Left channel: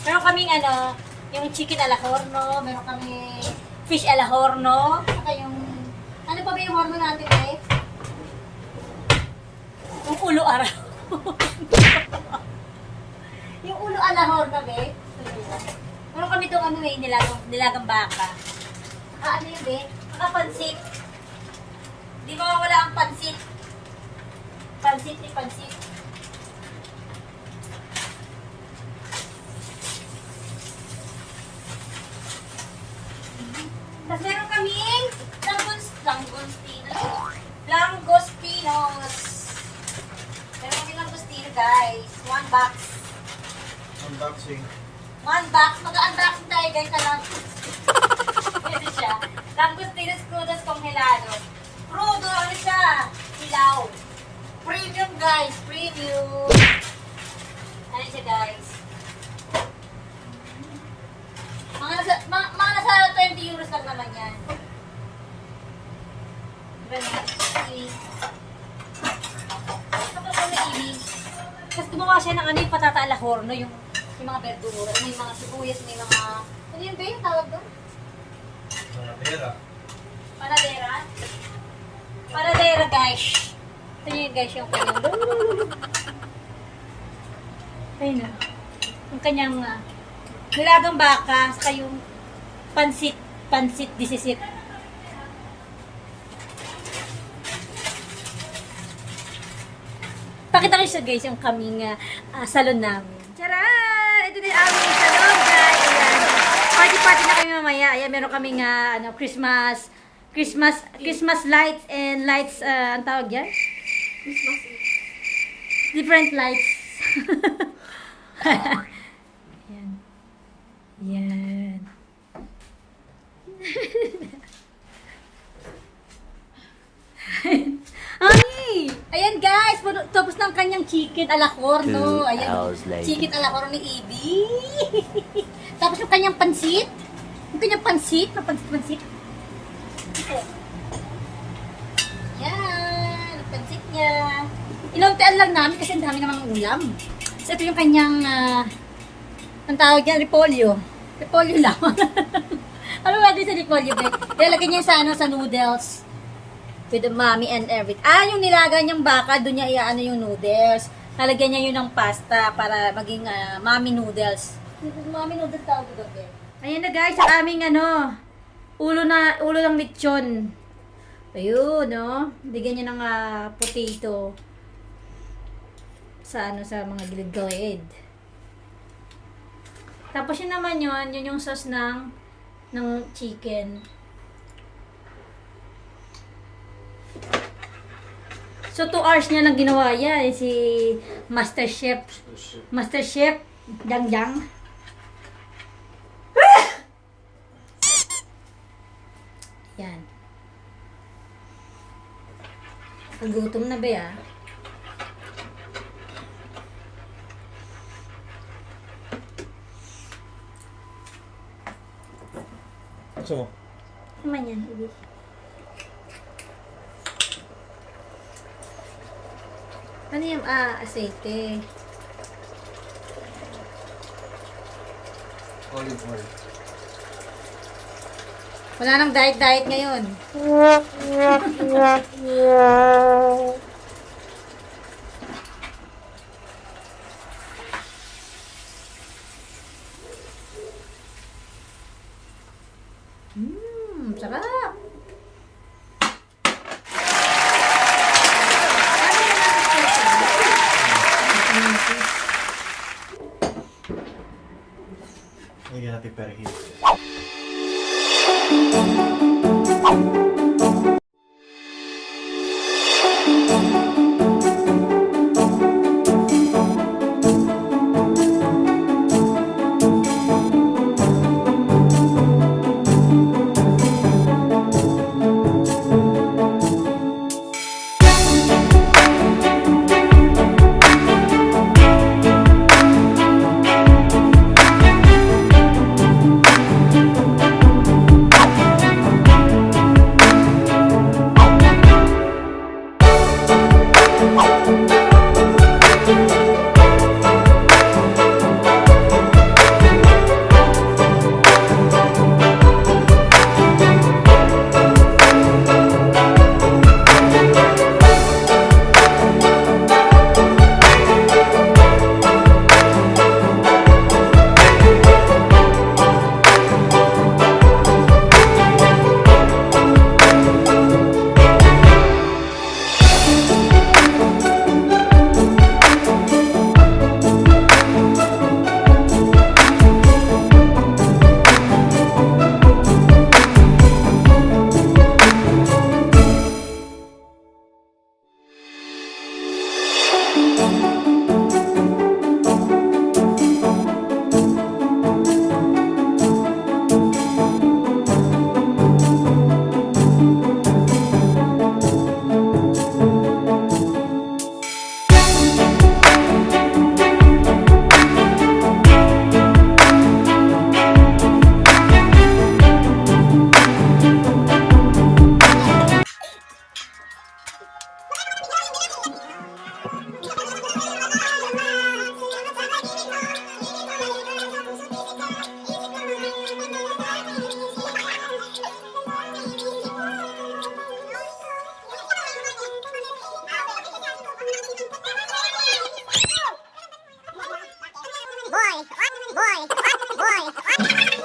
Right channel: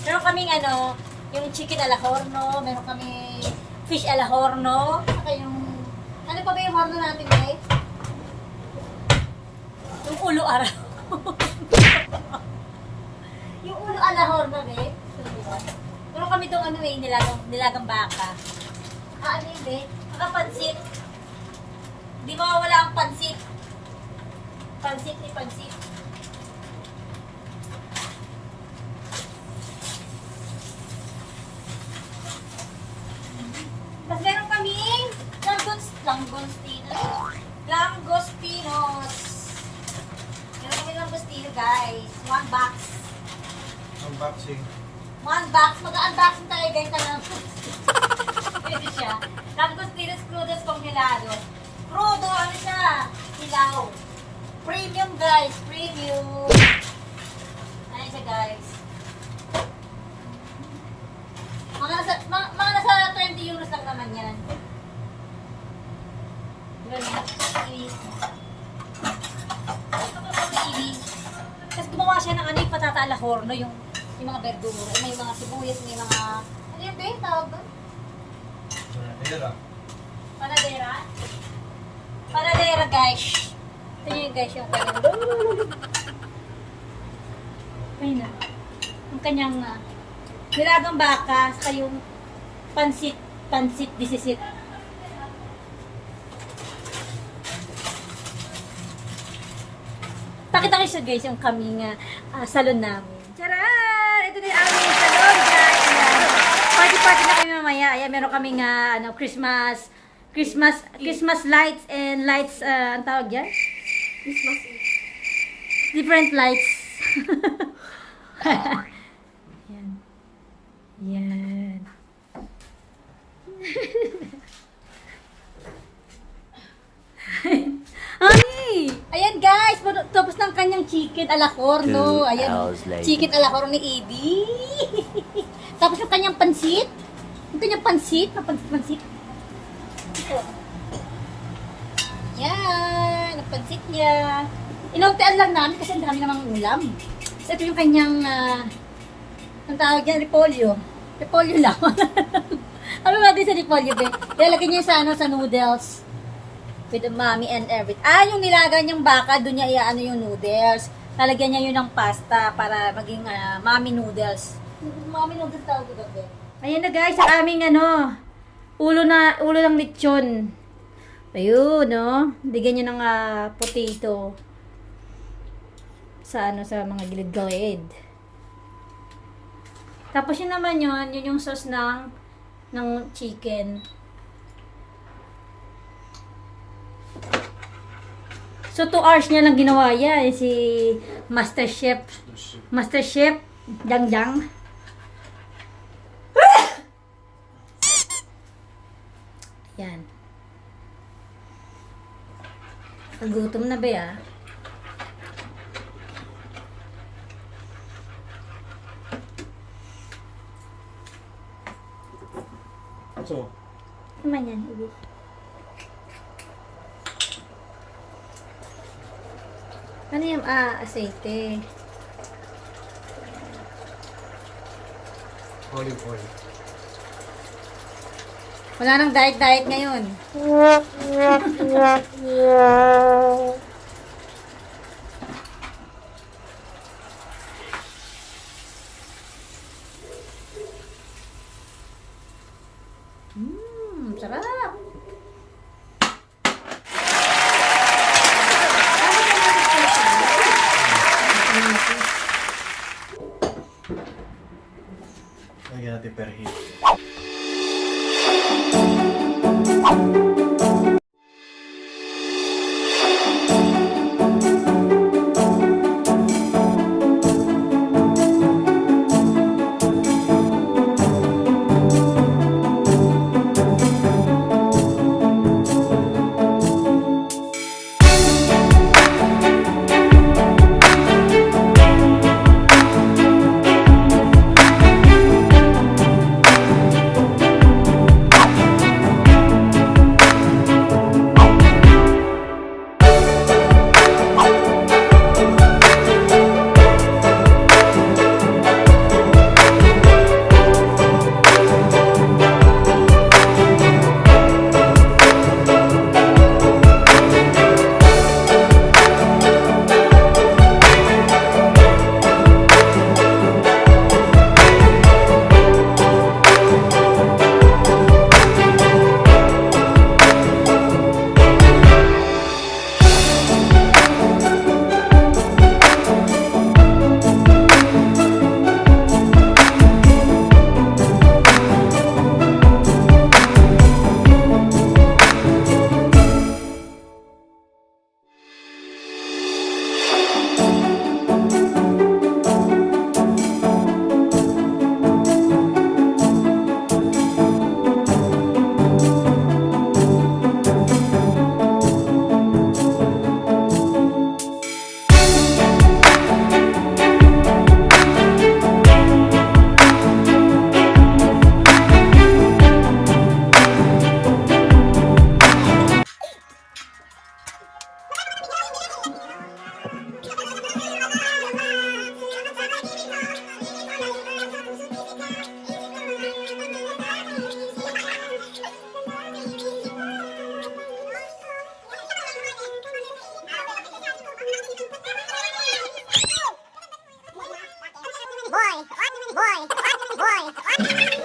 Meron kaming ano, yung chicken ala horno, meron kaming fish ala horno, saka yung, ano pa ba yung horno natin eh? Yung ulo araw. Yung ulo ala horno eh. Meron kami itong ano eh, nilagang baka. Ano yun eh? Pansit. Di mawawala ang pansit. Pansit ni pansit. Tapos meron kaming langostinos. Meron kami langostino guys. One box. Unboxing. One box. Mag-unboxing tayo guys na lang. Ito siya. Langostinos crudos congelado. Crudo, ano siya? Hilaw. Premium guys. Premium. Ano siya guys? Mga nasa 20 euros lang naman yan. Diba na? Inis. Kapag kami inis. Tapos gumawa siya ng ano yung patata ala horno, yung mga verdura. May mga sibuyas, may mga... Ano yun ba yung tawag doon? Panadera. Panadera? Panadera guys. Ito yun guys yung kanyang... Ayun na. Yung kanyang... nilagang baka, saka yung pansit disisit. Pakita ko siya guys yung kaming salon namin. Charan! Ito na yung aming salon guys. Ayan. Party na kami mamaya. Ayan, meron kaming Christmas lights and lights, ang tawag yan? Different lights. Ayan. Yan. Ay! Ayan guys, tapos ng kanyang chicken ala horno. Ayan, chicken ala horno ni Evie. Tapos yung kanyang pansit. Yung kanyang pansit. Yan, ang pansit niya. Inuntian lang namin kasi ang dami namang ulam. So ito yung kanyang ang tawag yan, repolyo. Repolyo lang. Ano ba din sa repolyo, be? Ilalagay niya sa noodles. With the mommy and everything. Yung nilagay niyang baka, doon niya iaano yung noodles. Lalagyan niya yun ng pasta para maging mommy noodles. Mommy noodles tawag ito, be. Ayan na guys, ang aming ulo ng lechon. Ayun, no? Bigyan niya ng potato. Sa mga gilid-gilid. Tapos yun naman yun yung sauce ng chicken. So 2 hours niya lang ginawa yan si Master Chef Dang. Yan. Pagutom na ba ya? So, Naman yan, Ibi. Ano yung aceite? olive oil. Wala nang diet ngayon. Sarap. Lagyan natin perhit. boy.